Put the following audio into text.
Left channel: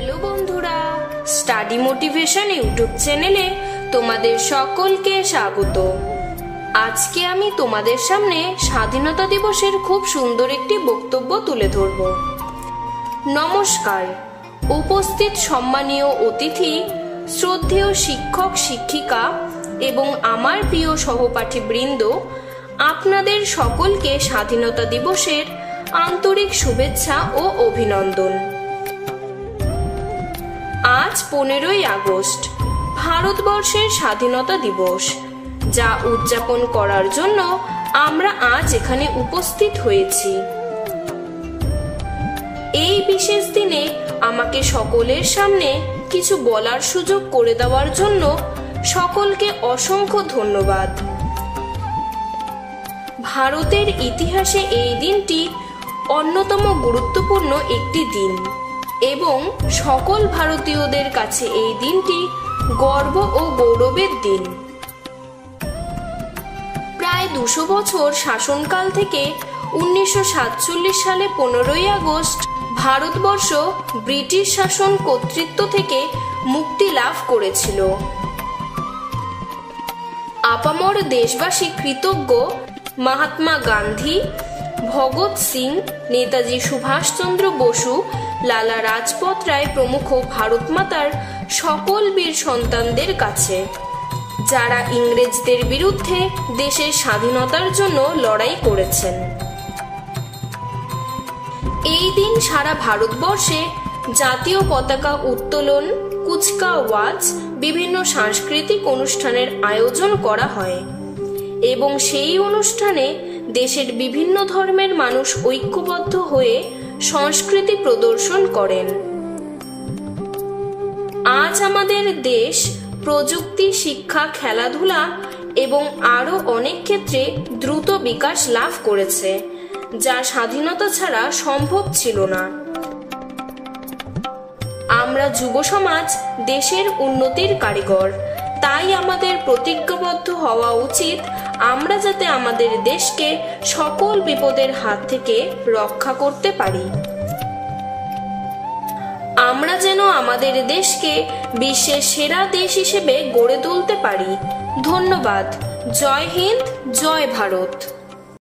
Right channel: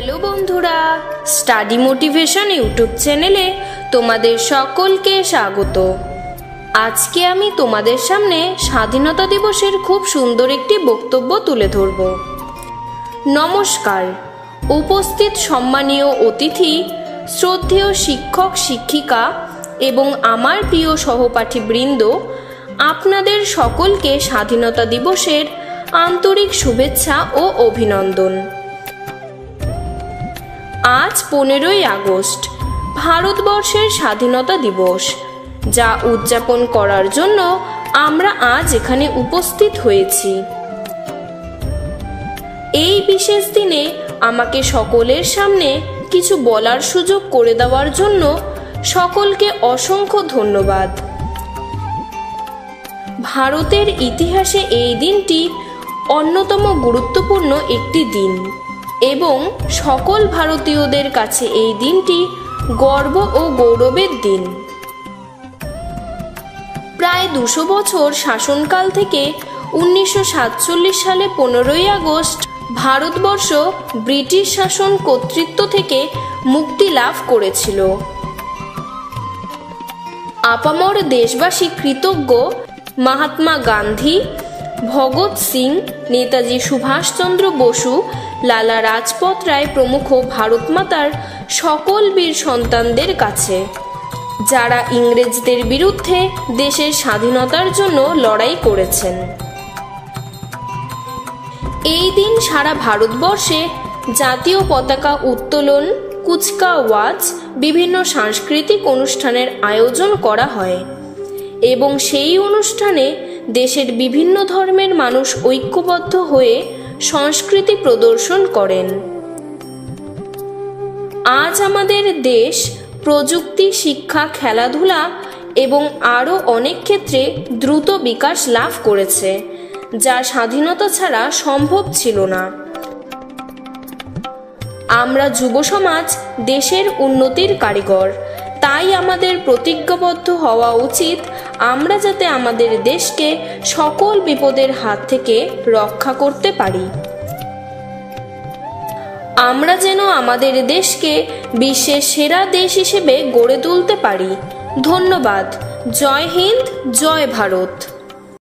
Hello বন্ধুরা, study motivation YouTube চ্যানেলে তোমাদের সকলকে স্বাগত। আজকে আমি তোমাদের সামনে স্বাধীনতা দিবসের খুব সুন্দর একটি বক্তব্য তুলে ধরব। নমস্কার। উপস্থিত সম্মানীয় অতিথি, শ্রদ্ধেয় শিক্ষক শিক্ষিকা এবং আমার প্রিয় সহপাঠী বৃন্দ, আপনাদের সকলকে স্বাধীনতা দিবসের আন্তরিক শুভেচ্ছা ও অভিনন্দন। আজ 15ই আগস্ট ভারতবর্ষের স্বাধীনতা দিবস, যা উদযাপন করার জন্য আমরা আজ এখানে উপস্থিত হয়েছি। এই বিশেষ দিনে আমাকে সকলের সামনে কিছু বলার সুযোগ করে দেওয়ার জন্য সকলকে অসংখ্য ধন্যবাদ। ভারতের ইতিহাসে এই দিনটি অন্যতম গুরুত্বপূর্ণ একটি দিন এবং সকল ভারতীয়দের কাছে এই দিনটি গর্ব ও গৌরবের দিন। প্রায় 200 বছর শাসনকাল থেকে 1947 সালে 15ই আগস্ট ভারতবর্ষ ব্রিটিশ শাসন কর্তৃত্ব থেকে মুক্তি লাভ করেছিল। আপামর দেশবাসী কৃতজ্ঞ মহাত্মা গান্ধী, ভগৎ সিং, নেতাজি সুভাষচন্দ্র বসু, লালা রাজপথ রায় প্রমুখ ভারত মাতার সকল বীর সন্তানদের কাছে, যারা ইংরেজদের বিরুদ্ধে দেশের স্বাধীনতার জন্য লড়াই করেছেন। এই দিন সারা ভারতবর্ষে জাতীয় পতাকা উত্তোলন, কুচকাওয়াজ, বিভিন্ন সাংস্কৃতিক অনুষ্ঠানের আয়োজন করা হয় এবং সেই অনুষ্ঠানে দেশের বিভিন্ন ধর্মের মানুষ ঐক্যবদ্ধ হয়ে সংস্কৃতি প্রদর্শন করেন। আজ আমাদের দেশ প্রযুক্তি, শিক্ষা, খেলাধুলা এবং আরও অনেক ক্ষেত্রে দ্রুত বিকাশ লাভ করেছে, যা স্বাধীনতা ছাড়া সম্ভব ছিল না। আমরা যুব সমাজ দেশের উন্নতির কারিগর, তাই আমাদের প্রতিজ্ঞাবদ্ধ হওয়া উচিত আমরা যাতে আমাদের দেশকে সকল বিপদের হাত থেকে রক্ষা করতে পারি। আমরা যেন আমাদের দেশকে বিশ্বের সেরা দেশ হিসেবে গড়ে তুলতে পারি। ধন্যবাদ। জয় হিন্দ, জয় ভারত।